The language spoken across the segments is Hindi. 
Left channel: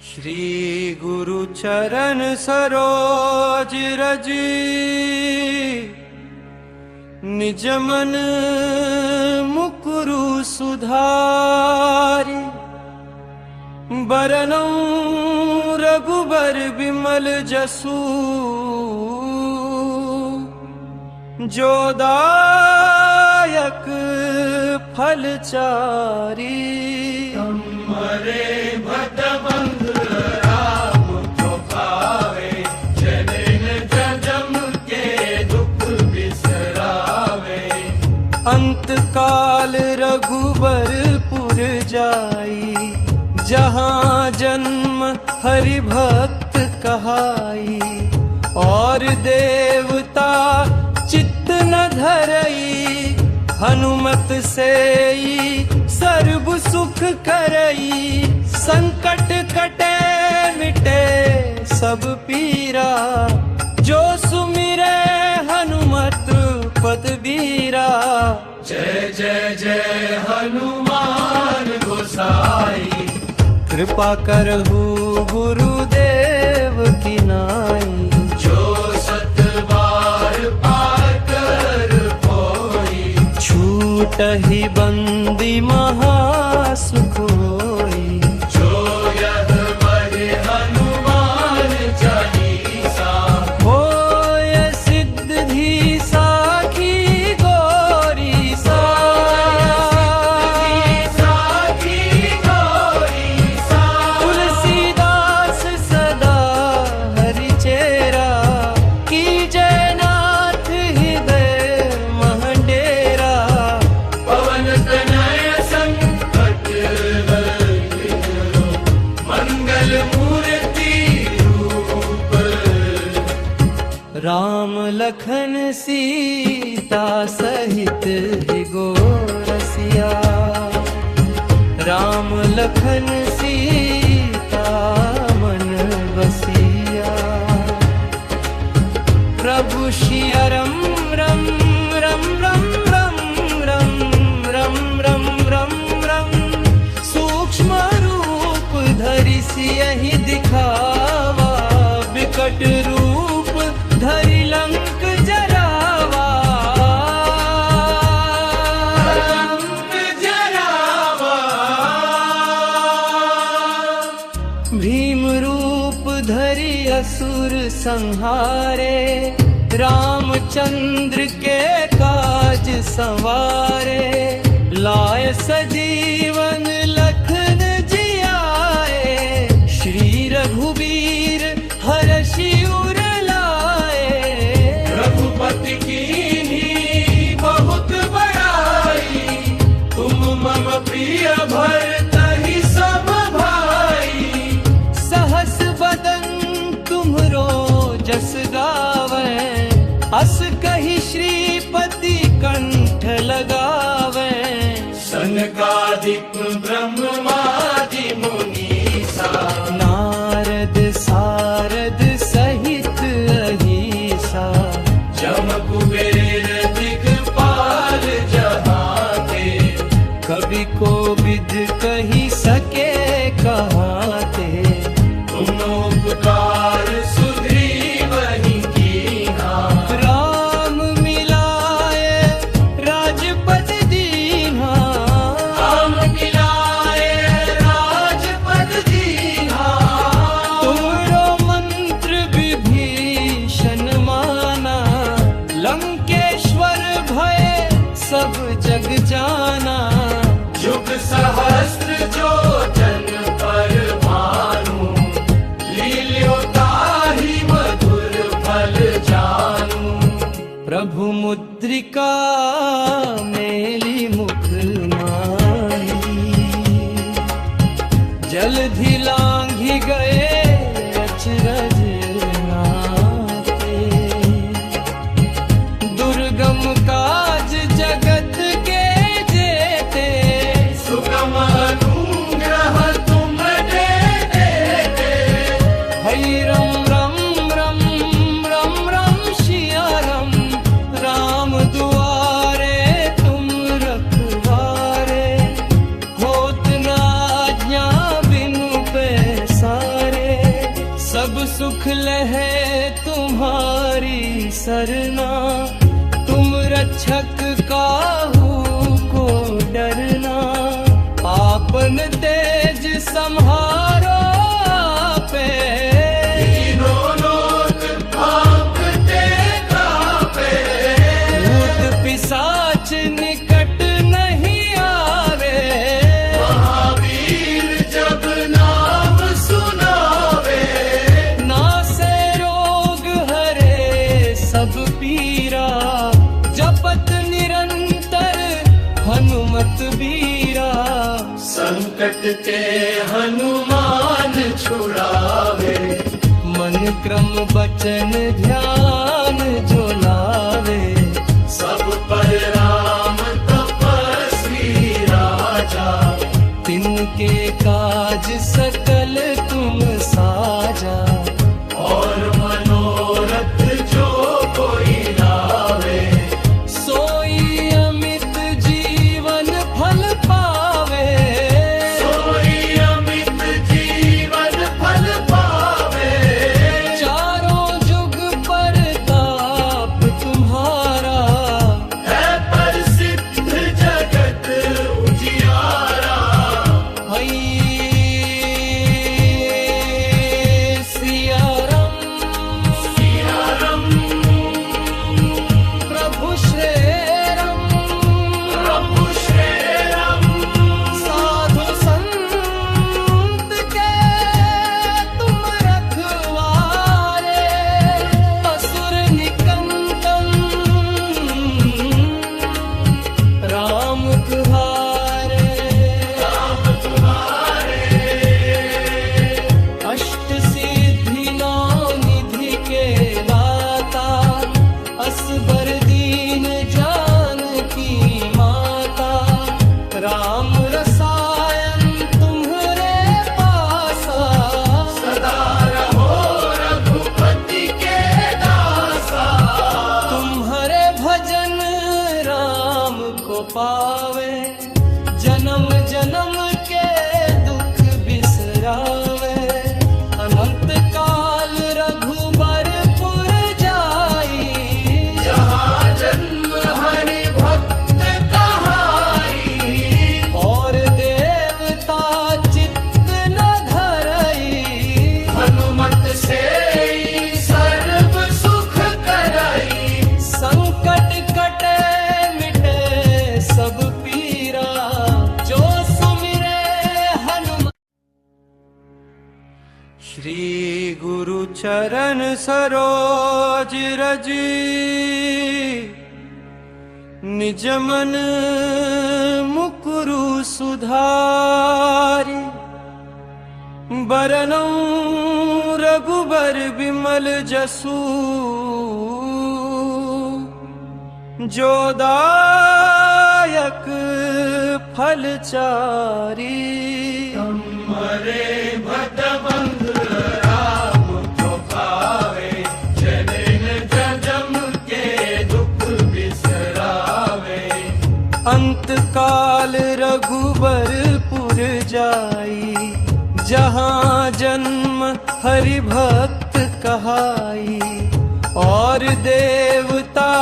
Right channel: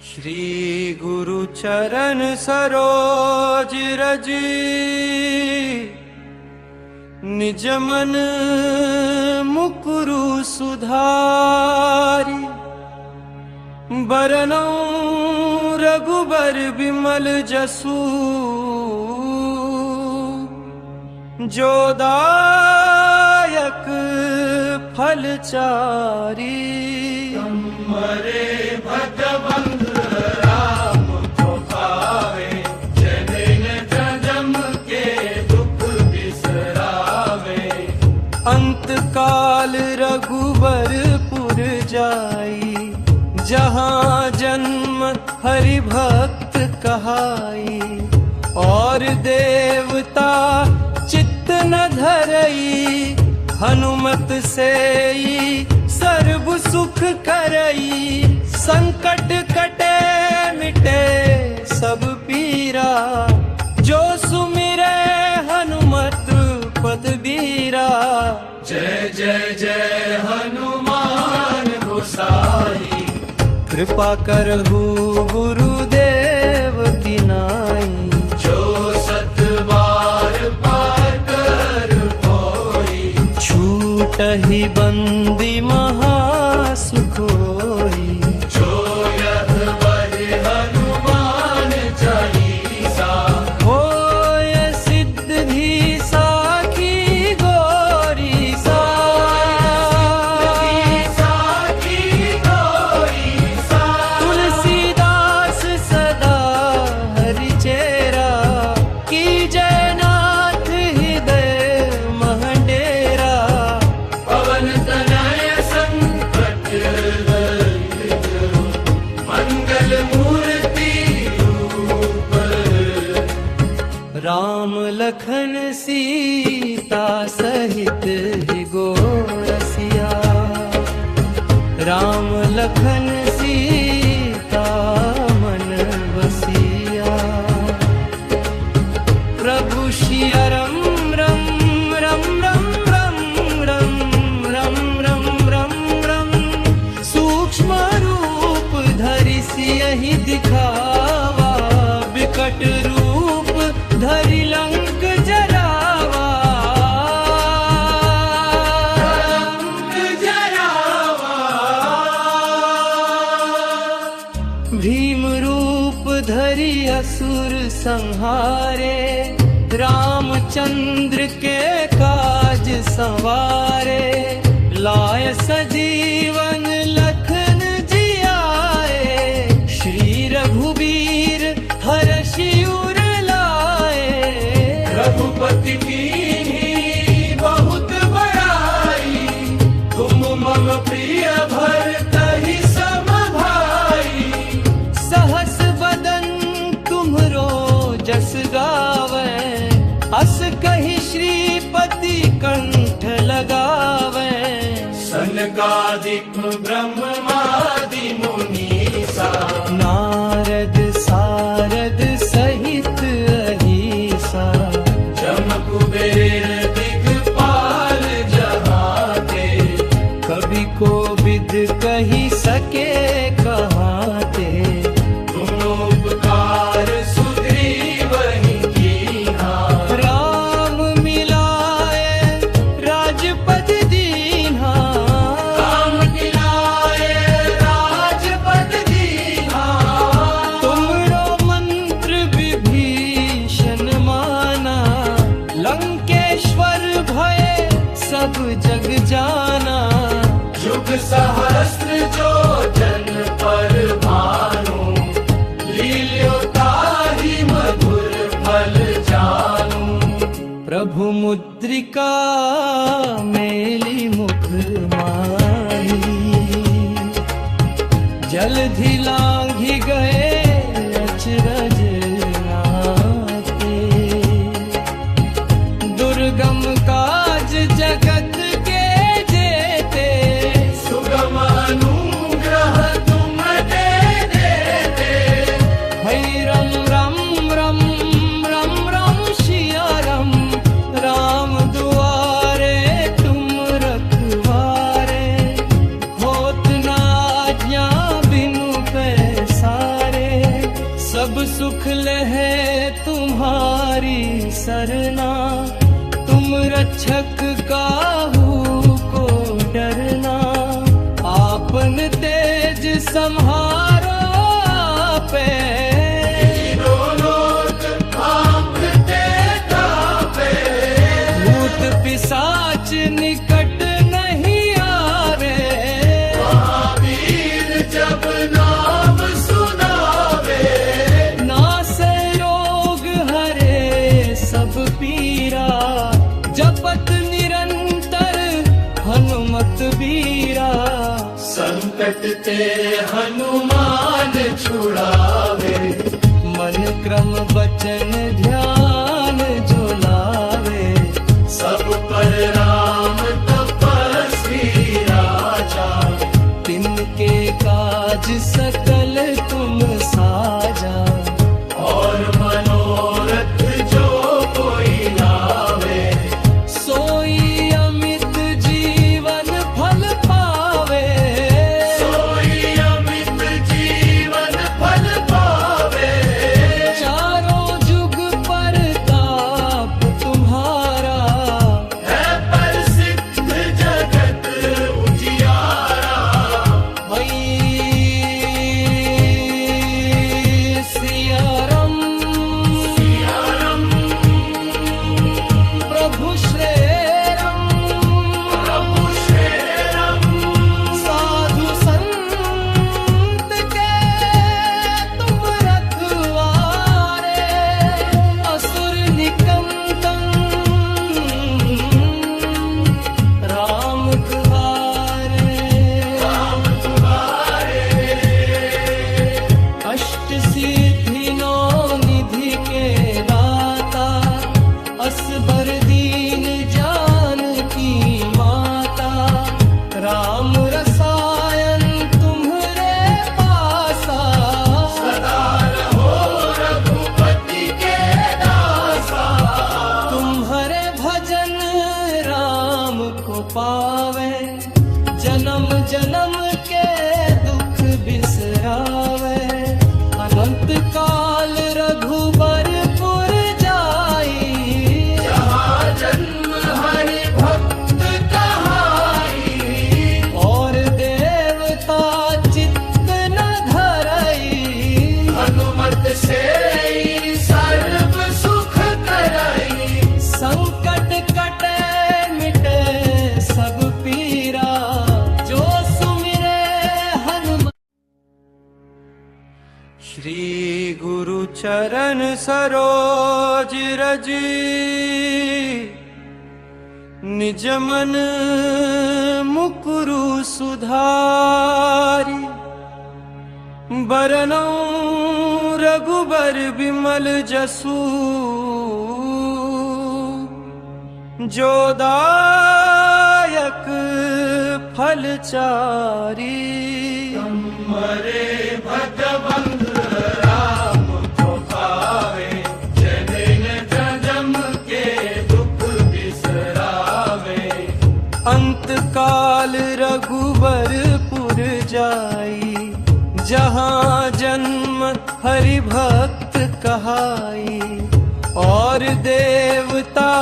श्री गुरु चरण सरोज रज निज मन मुकुरु सुधारी बरनौ रघुबर बिमल जसु जो दायक फल चारी हरे भट बंध राम जो पावे जनिन जन्म के दुख बिसरावे। अंत काल रघुबरपुर जाई जहाँ जन्म हरि भक्त कहाई और देवता चित्त न धरई हनुमत सेई सर्व सुख करई। संकट कटे मिटे सब पीरा जो सुमिरे हनुमत पद बीरा। जय जय जय हनुमान गोसाई कृपा करहु गुरुदेव की नाई। जो सत बार पार कर कोई छूटहि बंदी महासुख होई। जो यह बहि हनुमान चालीसा होय सिद्धि साखी गोरी सा। तुलसीदास सदा हरि चेरा की जयनाथ हृदय महडेरा। पवन तनय संकट मंगल मूर्ति रूप। राम लखन सीता सहित है गोरसिया। राम लखन सीता मन बसिया। प्रभु सियारम रम रम रम रम रम रम रम रम रम। सूक्ष्म रूप धरि सियहि दिखावा विकट रूप धरि लंक जरावा। भीम रूप धरि असुर संहारे रामचंद्र के काज संवारे। लाय सजीवन लखन जियाए श्री रघुबीर हरषि उर लाए। रघुपति कीन्ही बहुत बड़ाई तुम मम प्रिय भरतहि सम भाई। सहस बदन तुम्हरो जस गावे अस कहि श्रीपति कंठ लगावे। सनकादिक ब्रह्मादि मुनीसा नारद सारद सहित अहिसा। जम कुबेर दिगपाल जहाँ ते कवि को विद कही सके कहाते। तुम उपकार सुग्रीवहि कीन्हा। राम मिलाए राजपद दीन्हा। राम मिलाए राजपद दीन्हा। तुमरो मंत्र विभीषण माना लंकेश्वर भय सब जग जाना। युग सहस्त्र जो जन पर भानु लील्यो ताहि मधुर फल जानू। प्रभु मुद्रिका मेली मुख माही जलधि लांघि गए अचरज नाते। दुर्गम काज जगत के जेते सुगम अनुग्रह तुम दे देते। हई रम रम रम रम रम सियारम। राम दुआरे तुम रखवारे होत न आज्ञा बिनु पैसा। सब सुख लहे तुम्हारी सरना, तुम रक्षक काहू को डरना। आपन तेज सम्हारो आपे, तीनों लोक कांपते कांपे। भूत पिशाच निकट नहीं आवे, महावीर जब नाम सुनावे। नासे रोग हरे सब पीरा, जपत निरंतर हनुमत बीरा। संकट ते हनुमान छुड़ावे, मन क्रम बचन ध्यान जो लावे। सब पर राम तपस्वी राजा, तिनके काज सकल तुम साजा। और मनोरथ जो कोई लावे, सोई अमित जीवन फल पावे। सोई अमित जीवन फल पावे। चारों जुग परताप तुम्हारा, है प्रसिद्ध जगत उजियारा। हई सिया राम सिया राम, प्रभु श्री राम, प्रभु श्री राम। साधु संत के तुम रखवारे। असुर निकंदन राम तुम्हारे। राम तुम्हारे। अष्ट सिद्धि नौ निधि के दाता, असबर दीन जानकी माता। राम रसायन तुम्हरे पासा, सदा रहो रघुपति के दासा। तुम्हारे भजन राम को पावे। जन्म जन्म के दुख बिसरावे। अनंत काल रघुबरपुर जाई, जहाँ जन्म हरि भक्त कहाई। और देवता चित्त न धरई। हनुमत से ही सर्व सुख करई। संकट कटे मिटे सब पीरा, जो सुमिरे हनुमान। श्री गुरु चरण सरोज रज, निज मन मुकुरु सुधारि। बरनौ रघुबर बिमल जसु, जो दायक फल चारि। हरे भट बंध राम को पावे, जनिन जन्म के दुख बिसरावे। अंत काल रघुबरपुर जाई, जहाँ जन्म हरि भक्त कहाई। और देवता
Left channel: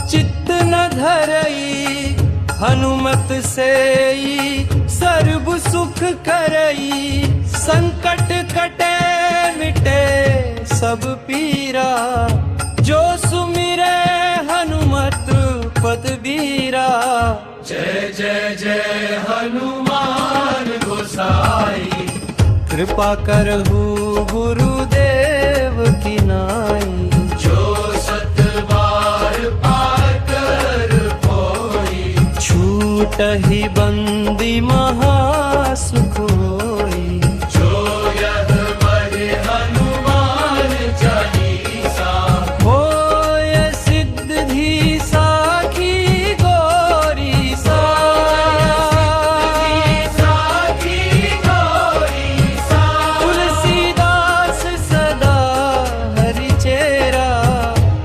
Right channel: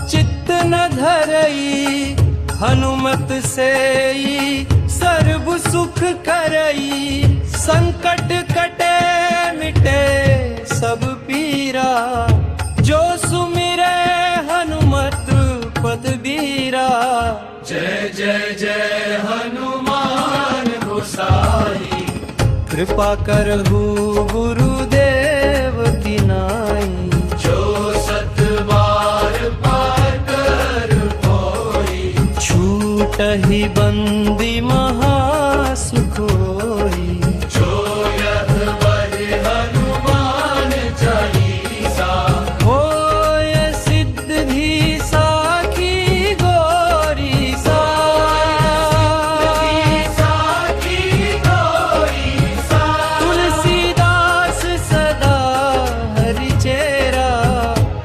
चित्त न धरई, हनुमत से सर्व सुख करई। संकट कटे मिटे सब पीरा, जो सुमिरे हनुमत पद बीरा। जय जय जय हनुमान गोसाई, कृपा करहु गुरुदेव की नाई। जो सत बार पार कर कोई, छूटहि बंदी महासुख होई। जो यह बहि हनुमान चालीसा, होय सिद्धि साखी गोरी सा। साखी गौरी सा। तुलसीदास सदा हरि चेरा,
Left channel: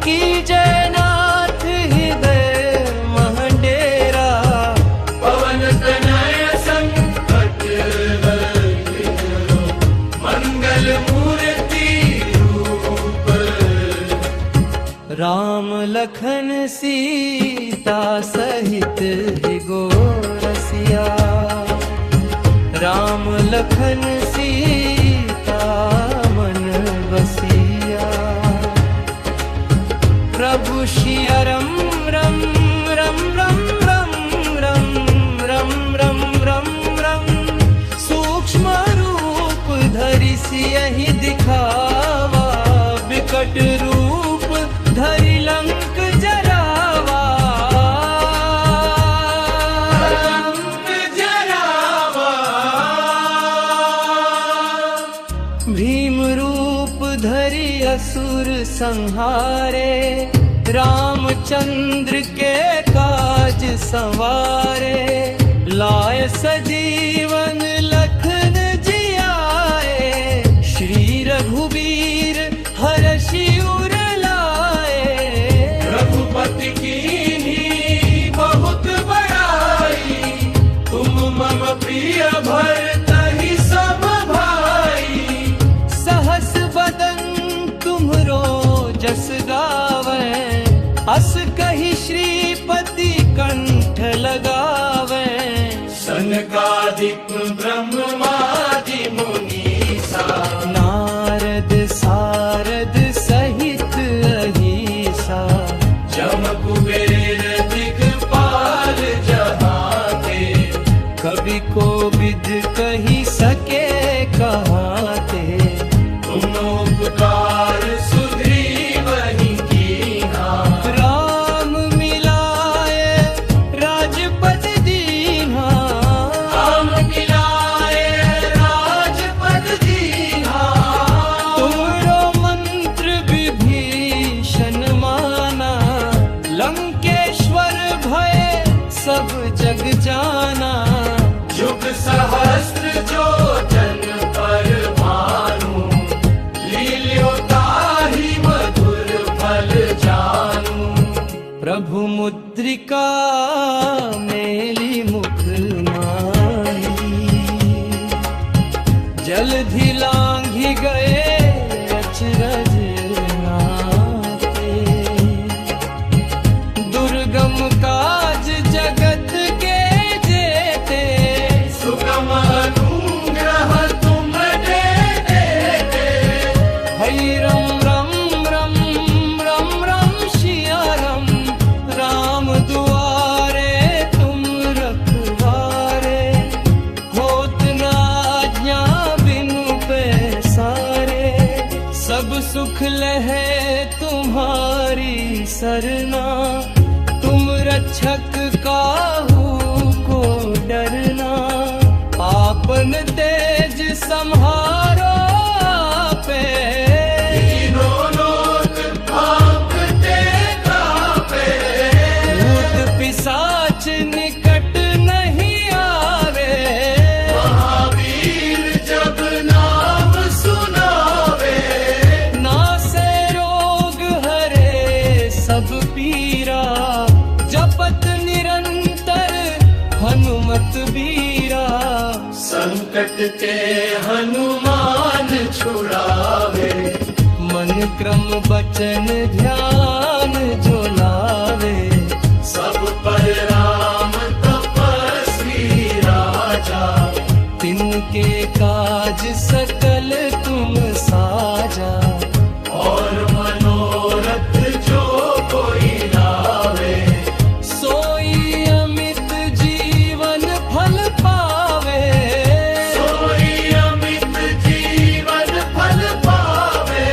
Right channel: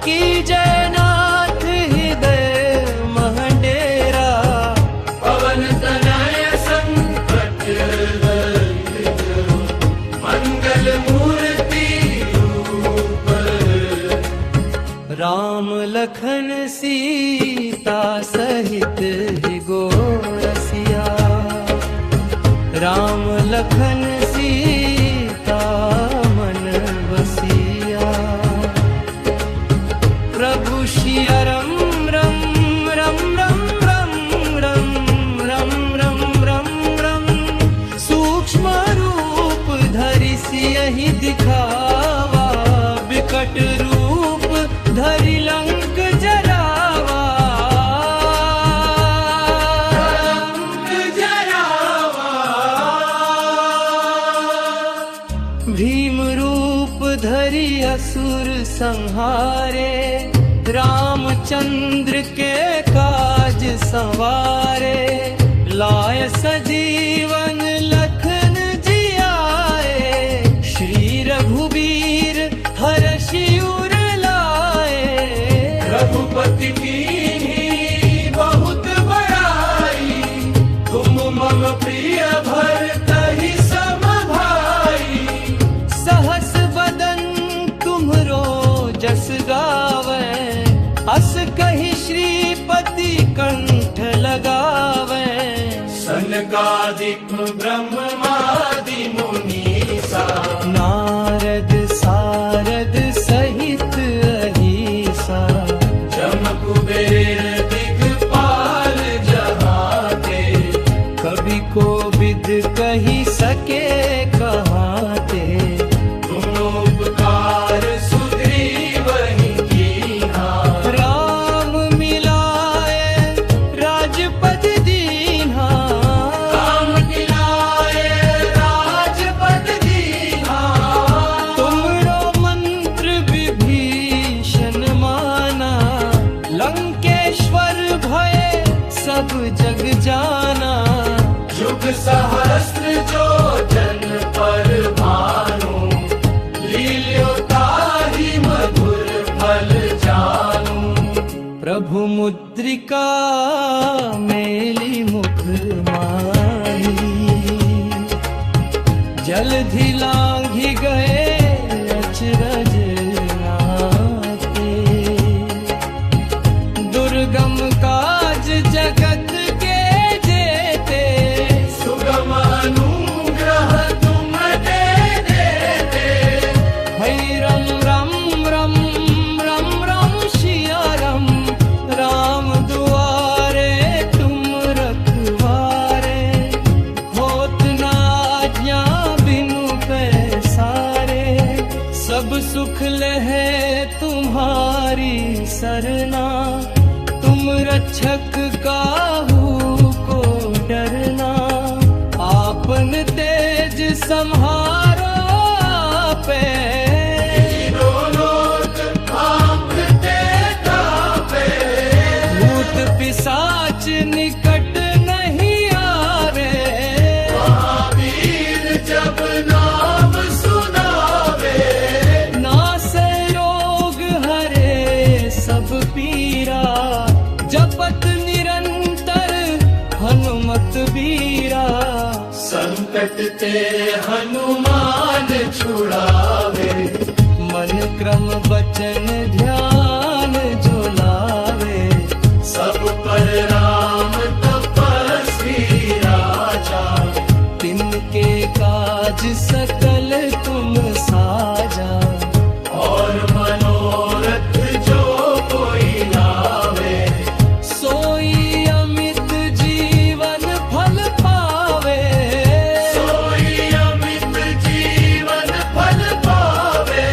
की जयनाथ हृदय महडेरा। पवन तनय संकट राम लखन सीता सहित है गोरसिया। राम लखन सीता मन बसिया। प्रभु सिया रम रम रम रम रम रम रम रम रम रम। सूक्ष्म रूप धरि सियहि दिखावा। विकट रूप धरि लंक जरावा। भीम रूप धरि असुर संहारे। रामचंद्र के काज संवारे। लाय सजीवन लखन जियाए। श्री रघुबीर हरषि उर लाए। रघुपति कीन्ही बहुत बड़ाई। तुम मम प्रिय भरतहि सम भाई। सहस बदन तुम्हरो जस गावे। अस कहि श्रीपति कंठ लगावे। सनकादिक ब्रह्मादि मुनीसा। नारद सारद सहित अहिसा। जम कुबेर दिगपाल जहाँ ते। कवि को विद कही सके कहाते। तुम उपकार सुग्रीवहि कीन्हा। राम मिलाए राजपद दीन्हा। राम मिलाए राजपद दीन्हा। तुमरो मंत्र विभीषण माना। लंकेश्वर भय सब जग जाना। युग सहस्त्र जो जन पर भानु। लील्यो ताहि मधुर फल जानू। प्रभु मुद्रिका मेली मुख माही। जलधि लांघि गए अचरज नाते। दुर्गम काज जगत के जेते। सुगम अनुग्रह तुम दे देते। हई रम रम रम रम रम सिया रम। राम दुआरे तुम रखवारे। होत न आज्ञा बिनु पैसारे। सब सुख लहे तुम्हारी सरना। तुम रक्षक काहू को डरना। आपन तेज सम्हारो आपे। तीनों लोक कांपते कांपे। भूत पिशाच निकट नहीं आवे। महावीर जब नाम सुनावे। नासे रोग हरे सब पीरा। जपत निरंतर हनुमत बीरा। संकट ते हनुमान छुड़ावे। मन क्रम बचन ध्यान जो लावे। सब पर राम तपस्वी राजा। तिनके काज सकल तुम साजा। और मनोरथ जो कोई लावे। सोई अमित जीवन फल पावे। सोई अमित जीवन फल पावे।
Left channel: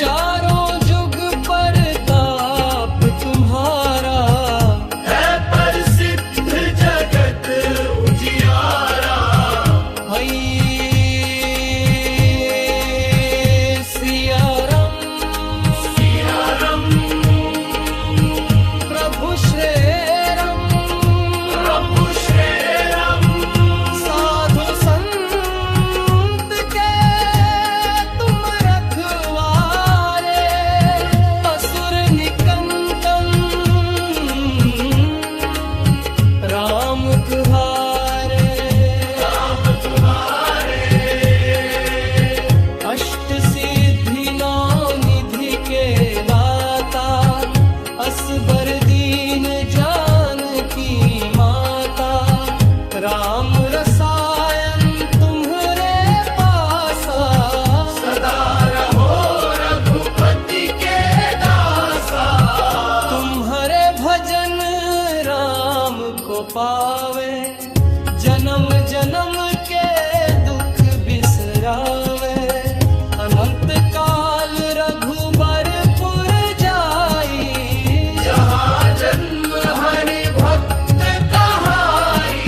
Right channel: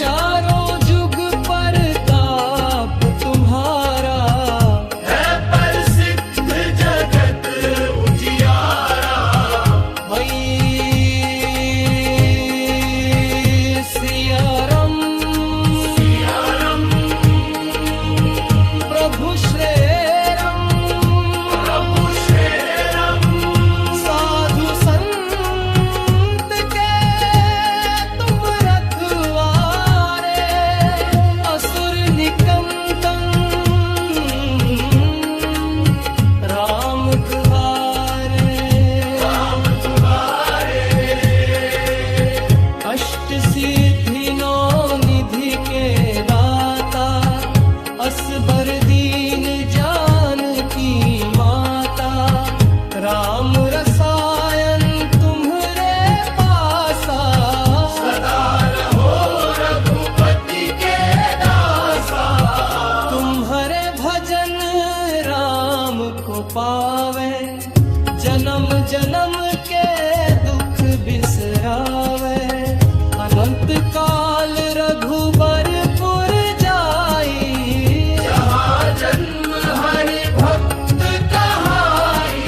चारों जुग परताप तुम्हारा। है प्रसिद्ध जगत उजियारा। हई सिया रम प्रभु श्रेरम। प्रभु श्रेरम। साधु संत के तुम रखवारे। असुर निकंदन राम तुम्हारे। अष्ट सिद्धि नौ निधि के दाता। भ्राता असबर दीन जानकी माता। राम रसायन तुम्हरे पासा, सदा रहो रघुपति के दासा। तुम्हारे भजन राम को पावे, जन्म जन्म के दुख बिसरावे। अनंत काल रघुबरपुर जाई, जहाँ जन्म हरि भक्त कहाई।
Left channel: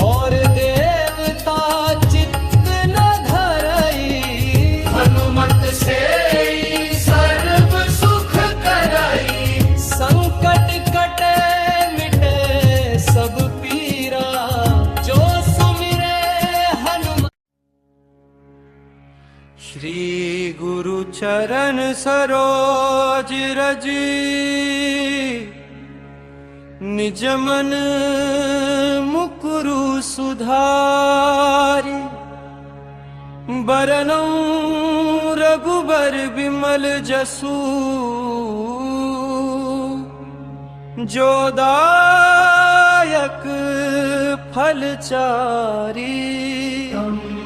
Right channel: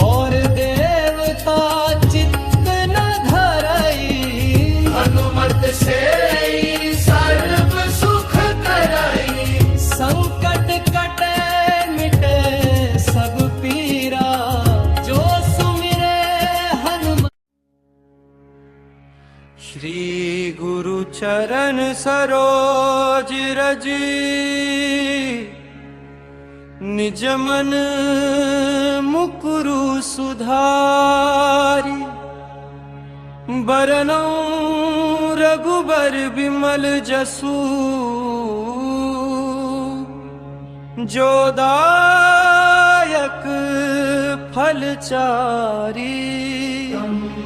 और देवता चित्त न धरई। हनुमत से ही सर्व सुख करई। संकट कटे मिटे सब पीरा, जो सुमिरे हनुमान। श्री गुरु चरण सरोज रज, निज मन मुकुरु सुधारि। बरनौ रघुबर बिमल जसु, जो दायक फल चारि।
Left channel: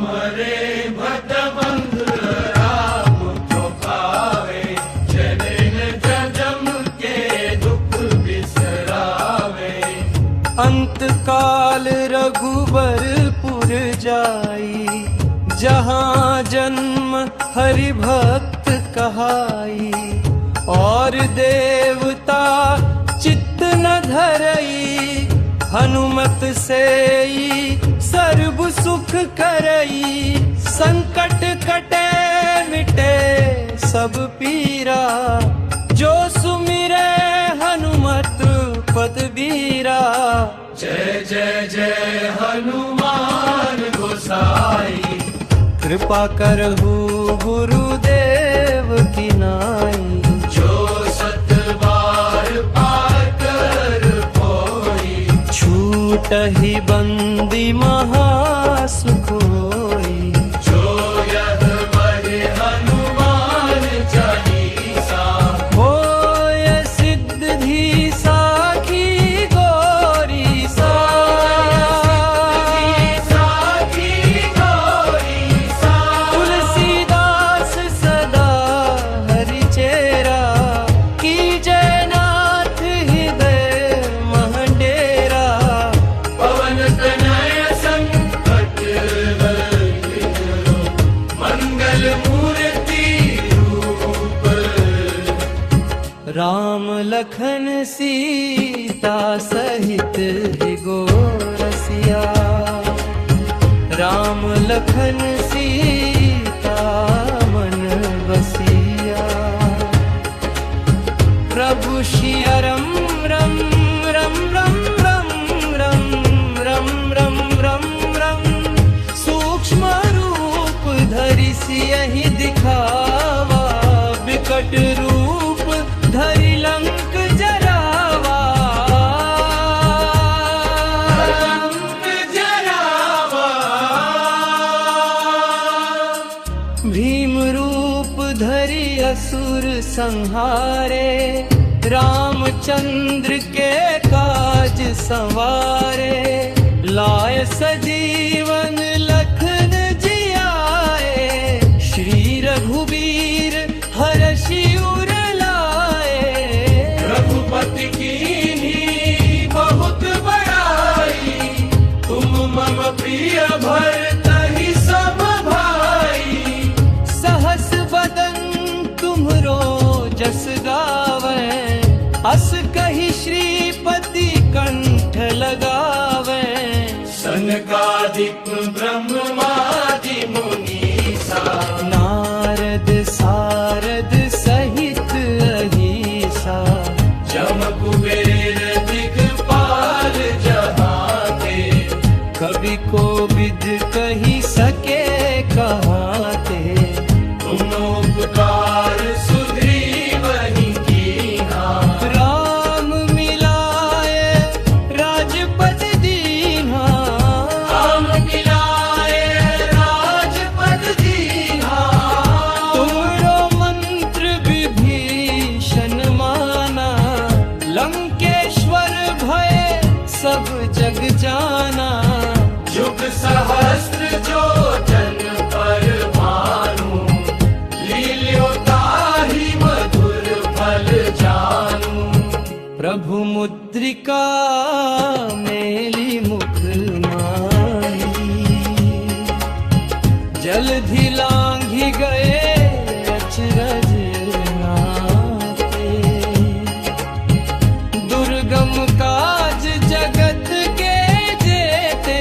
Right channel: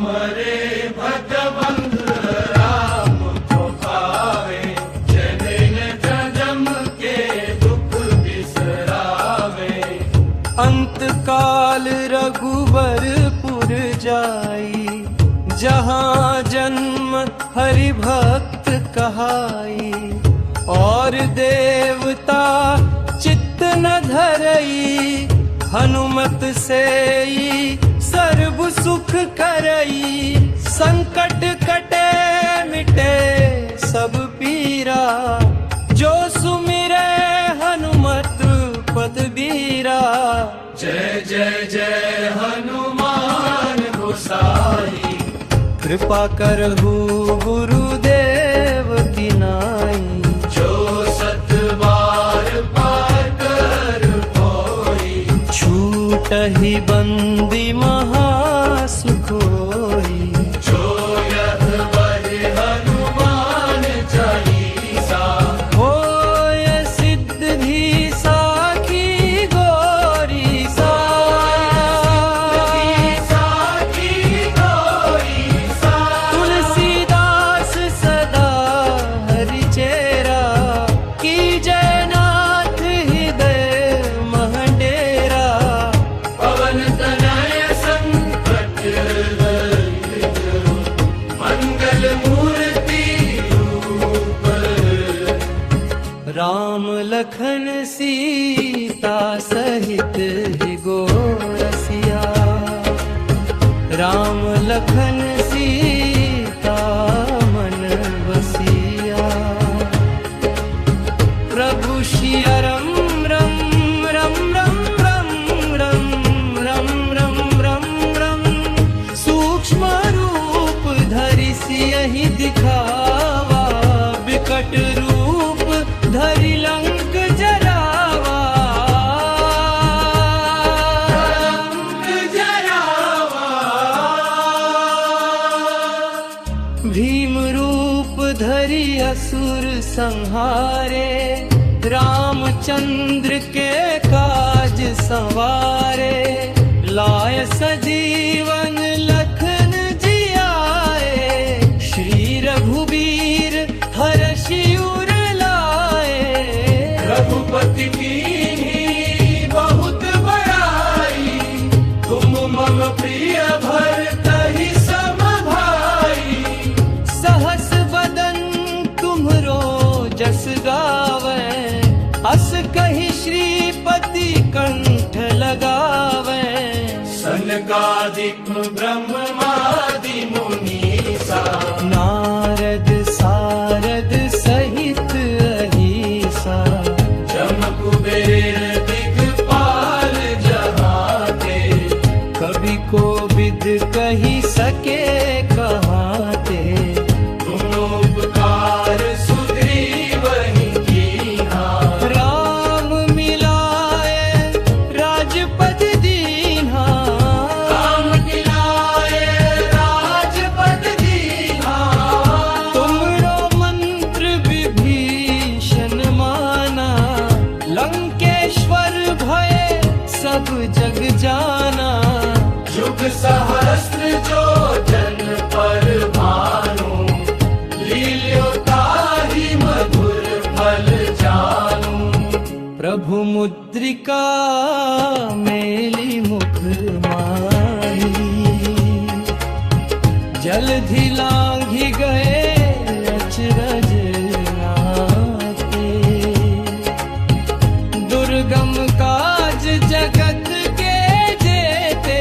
हरे भट बंध राम को पावे, जनिन जन्म के दुख बिसरावे। अंत काल रघुबरपुर जाई, जहाँ जन्म हरि भक्त कहाई। और देवता चित्त न धरई, हनुमत से ही सर्व सुख करई। संकट कटे मिटे सब पीरा, जो सुमिरे हनुमत पद बीरा। जय जय जय हनुमान गोसाई। कृपा करहु गुरुदेव की नाई, जो सत बार पार कर कोई। छूटहि बंदी महासुख होई। जो यह बहि हनुमान चालीसा। होय सिद्धि साखी गोरी सा। साखी गौरी सा। तुलसीदास सदा हरि चेरा, की जयनाथ हृदय महडेरा। पवन तनय संकट हरहित, मंगल मूर्ति रूप। राम लखन सीता सहित है गोरसिया। राम लखन सीता मन बसिया। प्रभु सियारम रम रम रम रम रम रम रम रम रम। सूक्ष्म रूप धरि सियहि दिखावा, विकट रूप धरि लंक जरावा। भीम रूप धरि असुर संहारे, रामचंद्र के काज संवारे। लाय सजीवन लखन जियाए, श्री रघुबीर हरषि उर लाए। रघुपति कीन्ही बहुत बड़ाई, तुम मम प्रिय भरतहि सम भाई। सहस बदन तुम्हरो जस गावे, अस कहि श्रीपति कंठ लगावे। सनकादिक ब्रह्मादि मुनीसा, नारद सारद सहित अहिसा। जम कुबेर दिगपाल जहाँ ते, कवि को विद कही सके कहाते। तुम उपकार सुग्रीवहि कीन्हा। राम मिलाए राजपद दीन्हा, राम मिलाए राजपद दीन्हा। तुमरो मंत्र विभीषण जग जाना। युग सहस्त्र जो जन पर भानु, लील्यो ताहि मधुर फल जानू। प्रभु मुद्रिका मेली मुख माही, जलधि लांघि गए अचरज नाते। दुर्गम काज जगत के जेते,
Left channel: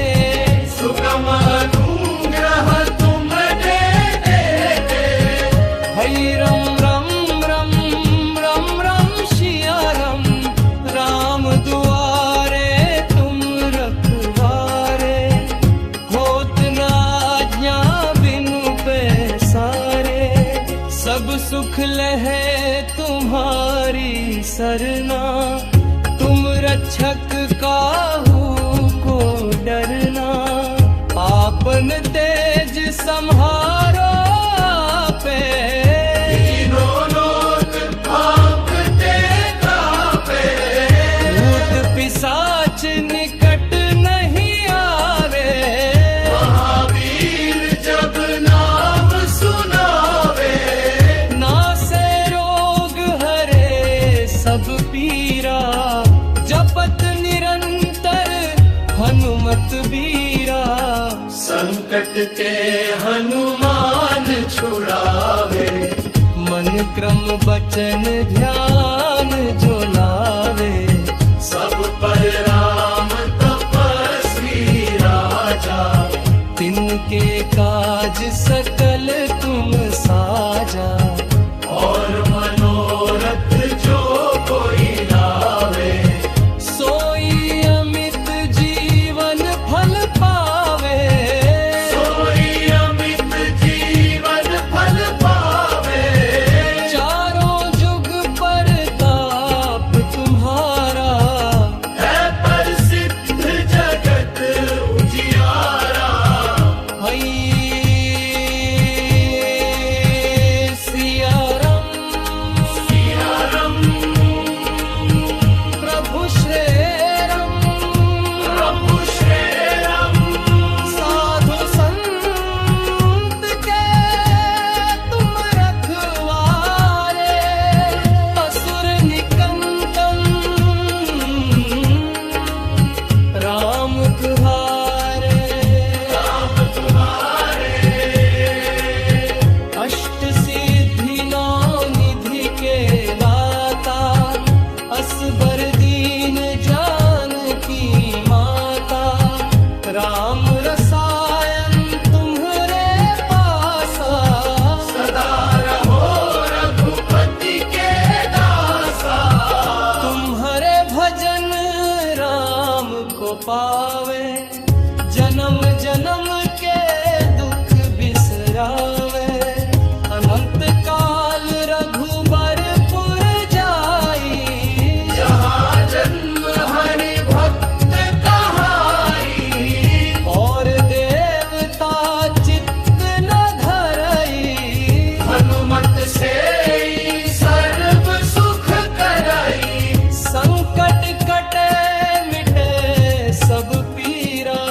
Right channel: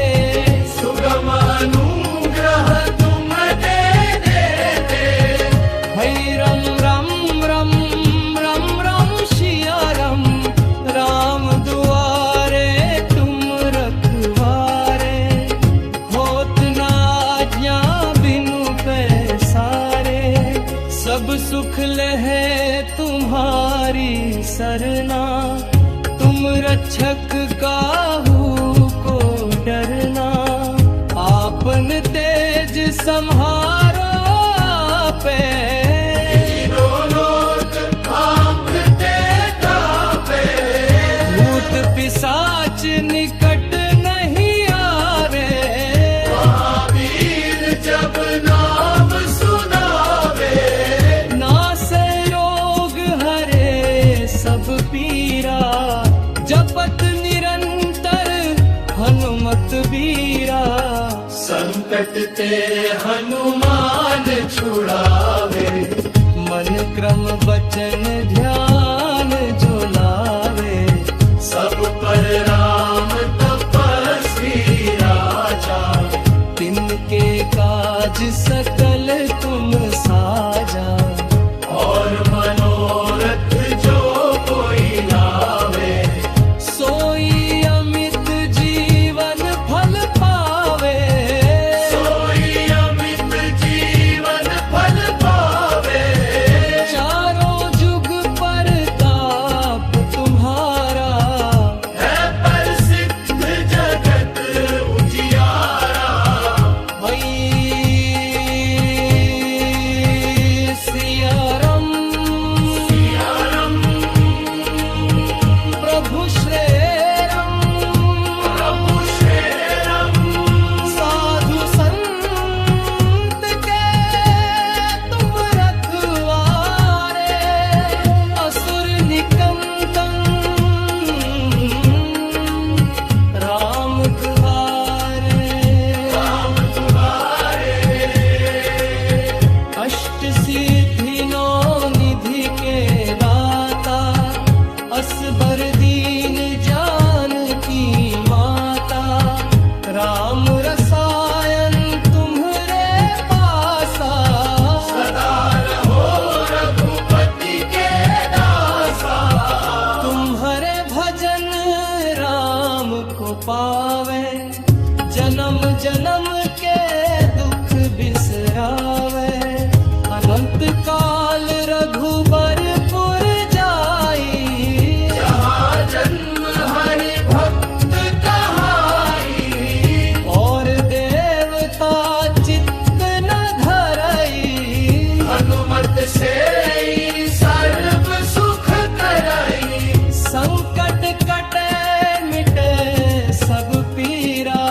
सुगम अनुग्रह तुम दे देते। हई रम रम रम रम रम शिया रम, राम दुआरे तुम रखवारे। होत न आज्ञा बिनु पैसारे, सब सुख लहे तुम्हारी सरना। तुम रक्षक काहू को डरना, आपन तेज सम्हारो आपे। तीनों लोक कांपते कांपे, भूत पिशाच निकट नहीं आवे। महावीर जब नाम सुनावे, नासे रोग हरे सब पीरा। जपत निरंतर हनुमत बीरा। संकट ते हनुमान छुड़ावे। मन क्रम बचन ध्यान जो लावे। सब पर राम तपस्वी राजा, तिनके काज सकल तुम साजा। और मनोरथ जो कोई लावे, सोई अमित जीवन फल पावे। सोई अमित जीवन फल पावे। चारों जुग परताप तुम्हारा, है प्रसिद्ध जगत उजियारा। हई सिया राम सिया राम, प्रभु श्री राम। प्रभु श्री राम, साधु संत के तुम रखवारे। असुर निकंदन राम तुम्हारे। राम तुम्हारे। अष्ट सिद्धि नौ निधि के दाता, असबर दीन जानकी माता। राम रसायन तुम्हरे पासा, सदा रहो रघुपति के दासा। तुम्हारे भजन राम को पावे। जन्म जन्म के दुख बिसरावे। अनंत काल रघुबरपुर जाई, जहाँ जन्म हरि भक्त कहाई। और देवता चित्त न धरई। हनुमत से ही सर्व सुख करई। संकट कटे मिटे सब पीरा।